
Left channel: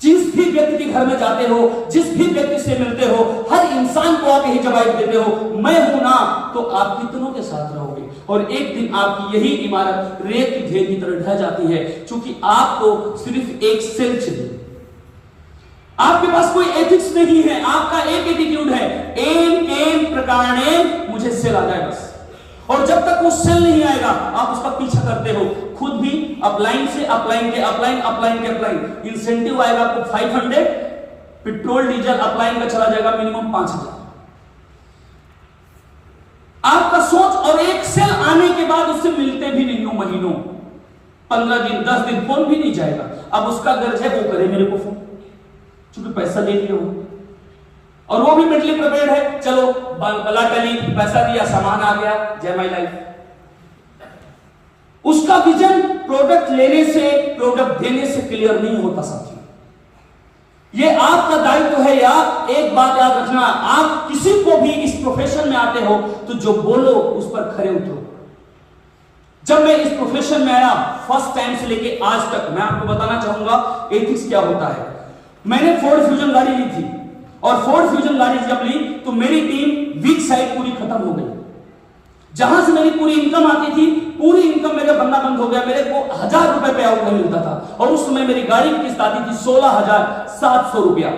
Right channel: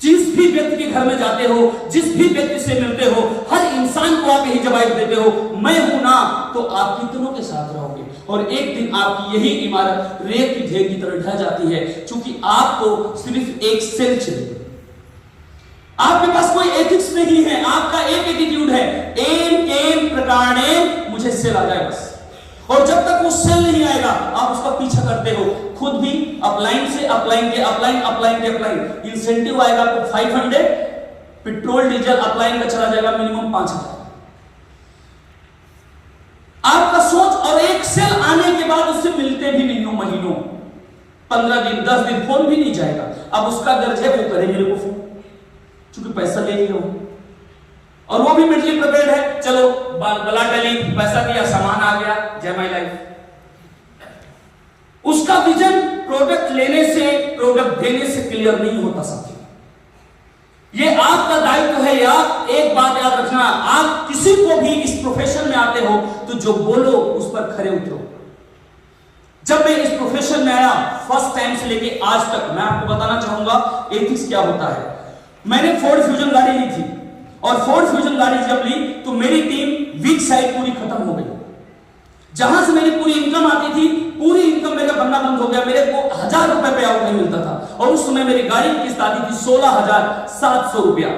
जिस भी व्यक्ति के घर में जाते हो, जिस भी व्यक्ति से मिलते हो, हर इंसान को आप यही जवाब देते हो मैं हूं ना, तो आप कितनों के साथ रहोगे, और एक दिन आपकी यही इमारत रेत की ढेर की तरह ढह जाती है, क्योंकि आपको सिर्फ एक सेल चाहिए। आपके पास कोई एथिक्स नहीं है, आपका एक एटीट्यूड है, एम केम प्रकारणे मुझे सेल आ जाए बस। और जब तक वो सेल नहीं आएगा आप उसका पीछा करते हो, खुद भी अपलाइन से अपलाइन के अपलाइन, अपलाइन के अपलाइन, इंसेंटिव आएगा आपको 500, पेट्रोल डीजल अपलाइन का चला जाएगा मिनिमम 5000। आपका सोच, और एक सेल आने के बाद उससे मिलते भी नहीं हो महीनों, 15 दिन 10 दिन फोन भी नहीं जाएगा। अब उसका गर्ज है वो करे मेरे को फोन, क्योंकि पैसा ले लिया हो, और वो भी मेंटली प्रिपेयर्ड है, चलो बला टली, पैसा दिया, सामान आ गया, जय माय लाइफ। उसका विजन प्रोडक्ट लेने से, प्रोडक्ट देने से क्लियर नहीं होता साथी। ये आपका दायित्व है। आप एक बात याद रखना, आप किसी को भी इस प्रोफेशन में आते हो तो जो बोलो उस पर खरे उतरो। जब मैं इस प्रोफेशन में आया फर्स्ट टाइम से लेके आज तक, मैं आपको बताना चाहूंगा एथिक्स क्या होता है। मैंने फोर्ड फ्यूजन गाड़ी ली थी, और फोर्ड फ्यूजन गाड़ी जब ली तो मेरी टीम वीक साइड पूरी खत्म हो गई। जहां से मेरी पूरी इनकम आती थी, पूरी इनकम मेरा बनना बंद हो गया। मेरे को 1000 रुपए पे आउट नहीं मिलता था, और उस समय मेरी गाड़ी की किस्त आती थी 16,700 रुपया।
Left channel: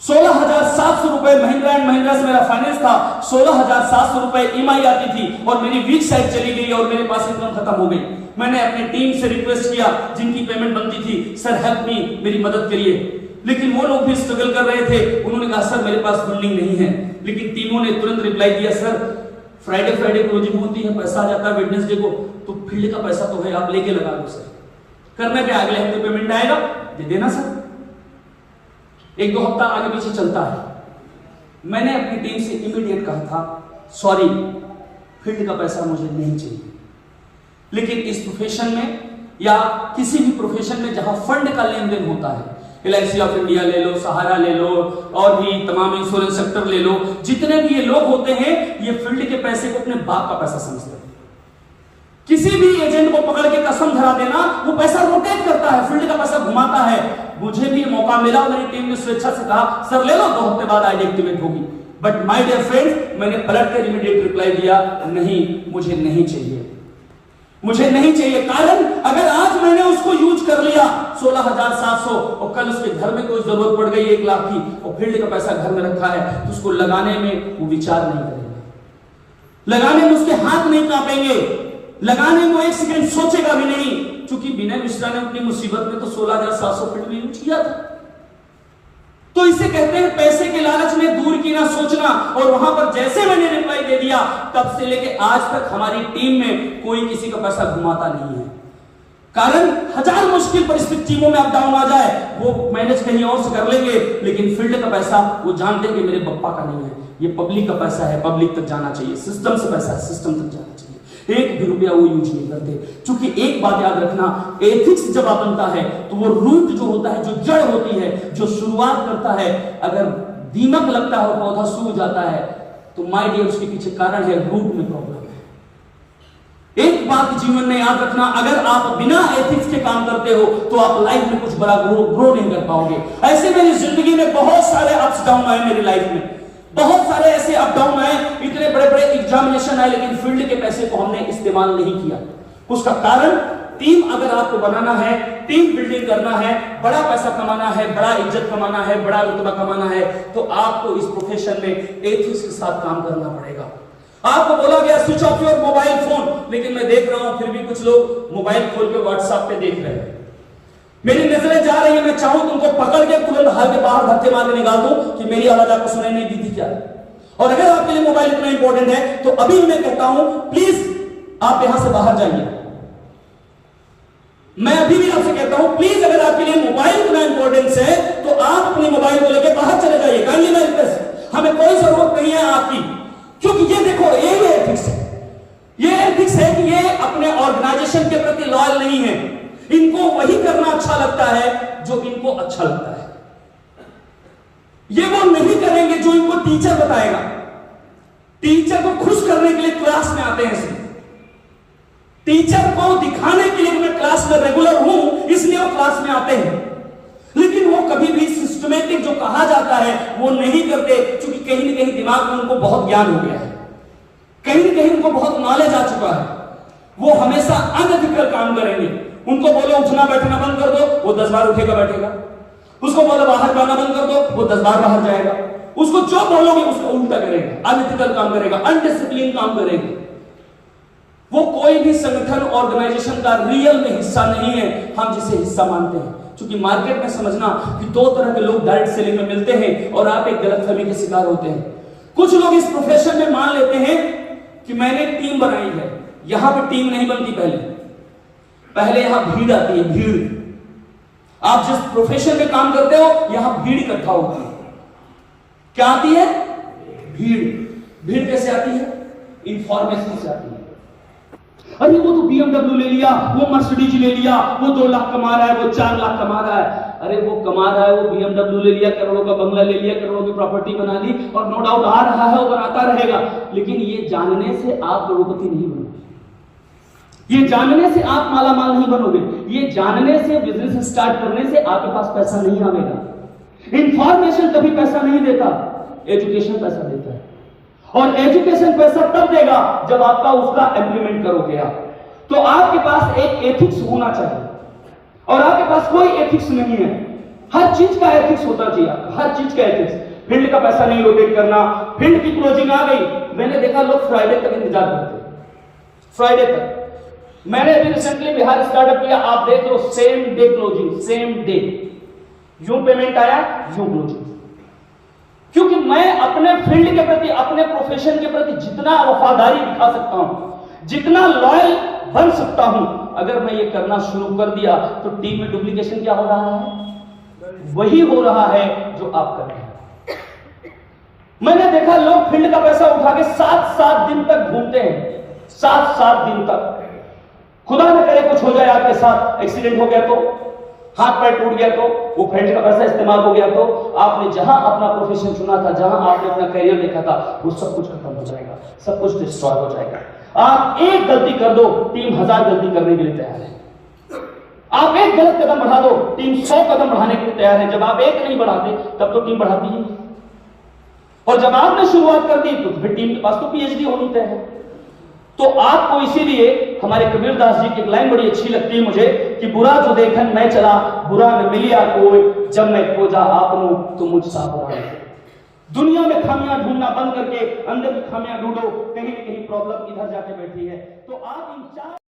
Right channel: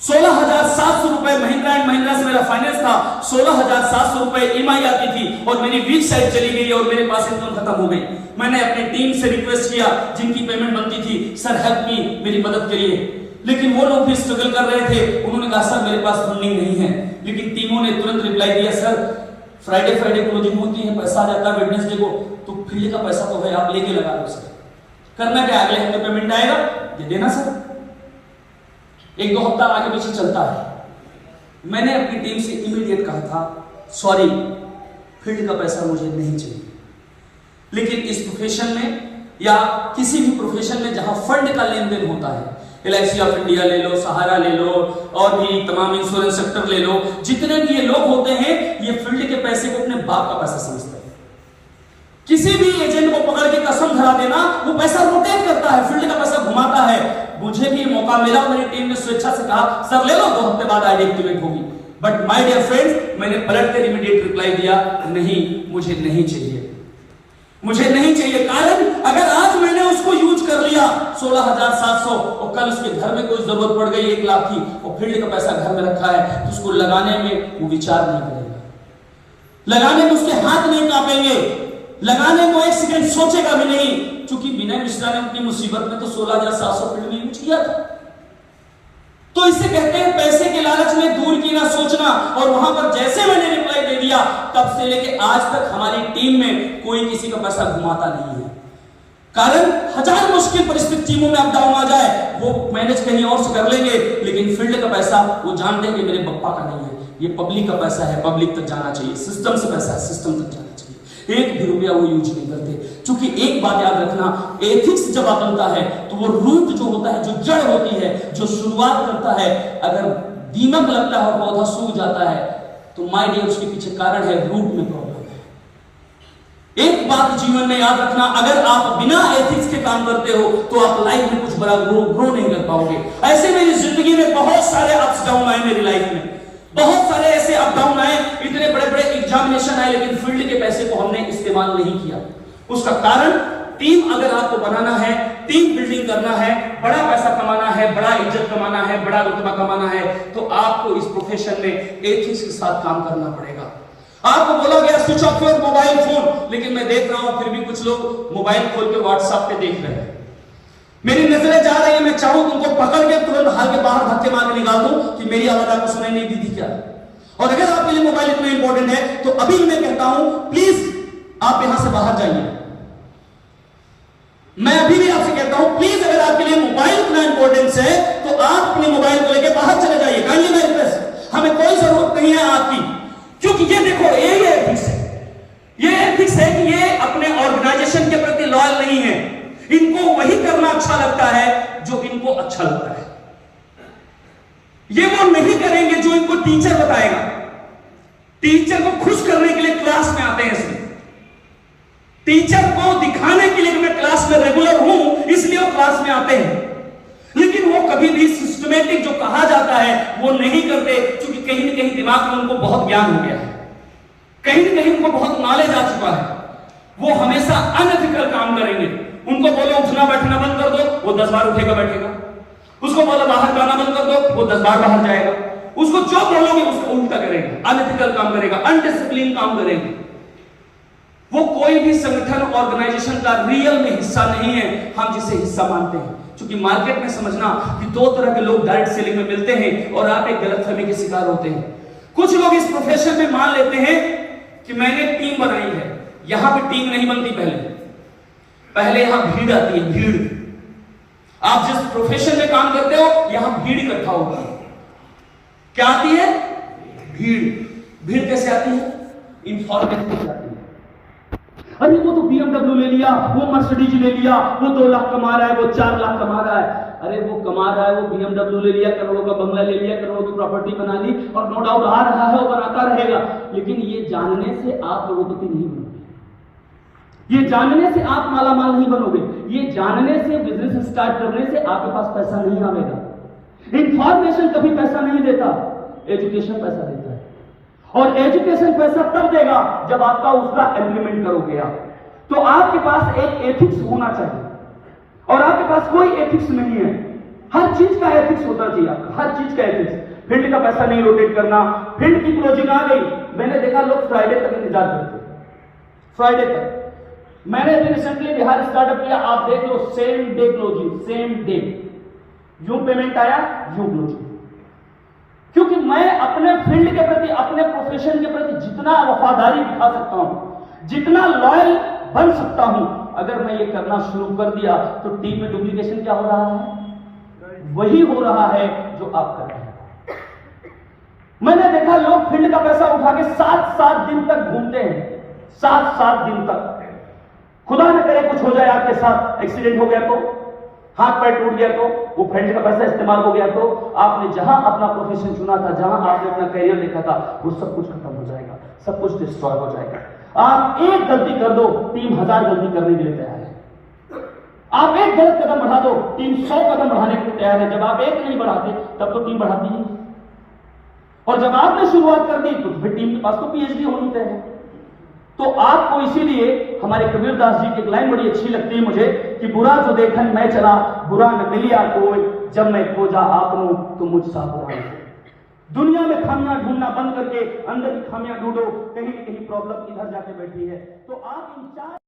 16,700 रुपए महिंद्रा एंड महिंद्रा से मेरा फाइनेंस था, 16,700 रुपए ईएमआई आती थी, और मेरी वीक साइड चली गई और मेरे पास इनकम खत्म हो गई। मैंने अपनी टीम से रिक्वेस्ट किया, जिनकी पेमेंट बनती थी, सर हेल्प मी, मेरी मदद करिए। लेकिन वो लोग भी स्ट्रगल कर रहे थे। उन्होंने कहा सर मेरे पास फंडिंग नहीं है। लेकिन टीमों ने तुरंत रिप्लाई दिया, सर फ्राइडे क्लोजिंग होती है, पैसा आ जाता है वेडनेसडे को, तो फील्ड का पैसा तो है, आप लेके लगा दो सर। करना क्या, अगले हफ्ते पेमेंट आएगा, दे देना सर। 1-2 हफ्ता आगे पीछे चलता है। मैंने अपनी टीम से इमीडिएट कहा था, सॉरी फील्ड का पैसा मुझे नहीं चाहिए। लेकिन इस प्रोफेशन में या किसी भी प्रोफेशन में जहां फंड का लेन देन होता है, LIC ऑफ इंडिया ले लो, सहारा ले लो, और भी तमाम इंश्योरेंस सेक्टर ले लो, जितने भी ये लोग होते हैं ये फील्ड के पैसे को अपने बाप का पैसा समझते हैं। किसी भी एजेंट को पकड़ के कसम धरा देना, वो पैसा रोटेट करता है, फील्ड का पैसा घुमाता है। मुझे भी मौका मिला, मेरी टीम ने स्वेच्छा से कहा सर ले लो, 2 हफ्ते बाद आईडी एक्टिवेट होगी। बट माय डियर फ्रेंड्स, मैंने पलट कर इमीडिएट रिप्लाई दिया, नहीं मुझे नहीं चाहिए, मुझे नहीं चाहिए। कारण अगर आज मैंने उसको यूज कर लिया 16,700, और कल उसके घर में कोई जरूरत पड़ गई 1 लाख की, और फील्ड का पैसा घर में रखा है, तो उसको लगाने में वो विचार नहीं करेंगे, लगाने में उसके हाथ नहीं कांपेंगे, लगाने में 1 सेकंड सोचेगा भी नहीं। क्योंकि विनय मिश्रा ने अपनी मुसीबत में तो 16,700 फील्ड में यूज किया था। तो इसे कहते हैं पैसे के लालच में दूर की ना सोचना। और वहां पर जैसे मैंने रिप्लाई दे दिया, तब से लेके आज तक हमारी टीम में कोई किसी का पैसा घुमाता नहीं है। कारण 1000 मुश्किल परिस्थिति टीमों में अप डाउन आ जाए, वो मैनेज कहीं और से कर लेंगे, लेकिन फील्ड का पैसा वो जानते हैं कि मेरे पप्पा का नहीं है, ये पब्लिक का पैसा है, पब्लिक तक जाना चाहिए, सिस्टम से पैसा है, सिस्टम तक जाना चाहिए। 1 भी रुपया वो यूज नहीं करते। क्योंकि एक बात याद रखना, एथिक्स जब बनता है तो वो रूट जो होता है, जो जड़ होती है, जो शुरुआत करता है, अगर दीमक लगता है और पौधा सूख जाता है, तो माय डियर उसके पीछे कारण है रूट में प्रॉब्लम है। एक बात जीवन में याद रखना, अगर आप बिना एथिक्स के काम करते हो तो आप लाइफ में कुछ बड़ा ग्रो नहीं कर पाओगे। ऐसे मेरी जिंदगी में बहुत सारे अप्स डाउन आए, मेरी लाइफ में बहुत सारे ऐसे अप डाउन आए, इतने बड़े बड़े एग्जामिनेशन आए, लेकिन फील्ड के पैसे को हमने इस्तेमाल नहीं किया। उसका कारण, टीम अगर आपको बनाना है, टीम बिल्डिंग करना है, बड़ा पैसा कमाना है, बड़ा इज्जत कमाना है, बड़ा रुतबा कमाना है, तो आपको इस प्रोफेशन में एथिक्स के साथ काम करना पड़ेगा। आपको बोला गया switch off your mobile phone, लेकिन मैं देख रहा हूं फिर भी कुछ लोग मोबाइल खोल के व्हाट्सएप पे देख रहे हैं। मेरी नजरें जा रही है, मैं चाहूं कि उनको पकड़ के तुरंत हाल के बाहर धक्के मार के निकाल दूं कि मेरी आवाज आपको सुनाई नहीं दी थी क्या। और अगर आपके लिए मोबाइल इतना इंपॉर्टेंट है तो अभी मैं कहता हूं प्लीज आप यहां से बाहर जाइए। मैं अभी भी आपसे कहता हूं प्लीज, अगर आपके लिए मोबाइल इतना इंपॉर्टेंस है तो आप अपनी मोबाइल को लेकर बाहर चले जाइए। काइंडली मैं रिक्वेस्ट, हमें कोई जरूरत नहीं है आपकी, क्योंकि ये देखो ये एथिक्स है, ये एथिक्स है कि ये अपने ऑर्गेनाइजेशन के प्रति लॉयल नहीं है। इनको वही करना अच्छा लगता है जो इनको अच्छा लगता है। ये वो नहीं करेंगे जो इनको टीचर बताएगा। टीचर को खुश करने के लिए क्लास में आते हैं, इसमें टीचर को दिखाने के लिए मैं क्लास में रेगुलर हूं इसलिए वो क्लास में आते हैं, लेकिन वो कभी भी सिस्टमेटिक जो कहा जाता है वो नहीं करते, क्योंकि कहीं ना कहीं दिमाग में उनको बहुत ज्ञान हो गया है, कहीं ना कहीं उनको बहुत नॉलेज आ चुका है। वो हमेशा अनएथिकल काम करेंगे। उनको बोले उठना बैठना बंद कर दो, वो 10 बार उठेगा बैठेगा। उसको बोले बाहर जाना बंद कर दो, वो 10 बार बाहर जाएगा। उसको जो बोलोगे उसको उल्टा करेगा, अनएथिकल काम करेगा, अनडिसिप्लिन काम करेगा। वो कोई भी संगठन ऑर्गेनाइजेशन का रियल में हिस्सा नहीं है, हम जिसे हिस्सा मानते हैं। क्योंकि मार्केट में समझना कि 2 तरह के लोग डायरेक्ट सेलिंग में मिलते हैं और आप एक गलतफहमी के शिकार होते हैं। कुछ लोग इस प्रोफेशन में मान लेते हैं कि मैंने टीम बनाई है। यहां पे टीम नहीं बनती, पहले यहां भीड़ आती है, भीड़। आप जिस प्रोफेशन में काम करते हो यहां भीड़ इकट्ठा होती है। क्या आती है? भीड़। भीड़ कैसे आती है? इंफॉर्मेशन से आती है। अरे वो तो BMW ले लिया, वो मर्सिडीज ले लिया, वो 2 लाख कमा रहा है, वो 4 लाख कमा रहा है। अरे वो कमा रहा है, वो BMW ले लिया, करोड़ों का बंगला ले लिया, करोड़ों की प्रॉपर्टी बना ली, और नो डाउट आ रहा है, वो बनाता रहेगा। लेकिन ये जानने से आप करोड़पति नहीं बनोगे, ये जानने से आप मालामाल नहीं बनोगे, ये जानने से बिजनेस स्टार्ट करने से आपके पास पैसा नहीं आएगा। इंफॉर्मेशन कभी पैसा नहीं देता, एजुकेशन पैसा देता है। और एजुकेशन पैसा तब देगा जब आपका उसका इंप्लीमेंट करोगे आप। तो आपके पास एक एथिक्स होना चाहिए, और आपके पास कोई एथिक्स नहीं है। हर चीज का एथिक्स होता चाहिए, हर चीज का एथिक्स। फील्ड का पैसा नहीं रोटेट करना, फील्ड की क्लोजिंग आ गई, मैंने देखा लोग फ्राइडे तक इंतजार करते हैं, फ्राइडे तक। मैंने अभी रिसेंटली बिहार स्टार्टअप किया, आप देख लो same day closing, same day, यूं पेमेंट आया यूं क्लोजिंग। क्योंकि मैं अपने फील्ड के प्रति, अपने प्रोफेशन के प्रति जितना वफादारी दिखा सकता हूं, जितना लॉयल बन सकता हूं, अगर मैं ये करना शुरू कर दिया तो टीम में डुप्लीकेशन क्या हो रहा है? वही हो रहा है जो आप कर रहे हैं। मैंने देखा लोग फील्ड का पैसा उठा के 7-7 दिन तक घूमते हैं, 7-7 दिन तक। खुदा न करे कुछ हो जाए आपके साथ, एक्सीडेंट हो गया तो, हाथ पैर टूट गया तो, वो फील्ड का पैसा इस्तेमाल हो गया तो, आपने जहां अपना प्रोफेशन चुना था, जहां आपने अपना करियर देखा था, वो सब कुछ खत्म हो जाएगा, सब कुछ डिस्ट्रॉय हो जाएगा। आप एक गलती कर दो, टीम 1000 गलती करने के लिए तैयार है। आप एक गलत कदम बढ़ा दो, टीम 100 कदम बढ़ाने के लिए तैयार है। जब आप एक नहीं बढ़ाते तब तो टीम बढ़ाती है, और जब आपने शुरुआत कर दी तो फिर टीम के पास तो PhD होनी तय है। तो आपको इसीलिए हमारे कबीरदास जी की एक लाइन बड़ी अच्छी लगती है मुझे कि बुरा जो देखन मैं चला, बुरा न मिलिया कोई, जब मैं खोजा आपनू तो मुझ सा बुरा। दुनिया में खामियां ढूंढना बंद करके अंदर की खामियां ढूंढो, कहीं न कहीं प्रॉब्लम इधर जाके बैठी है। तो आप इन 4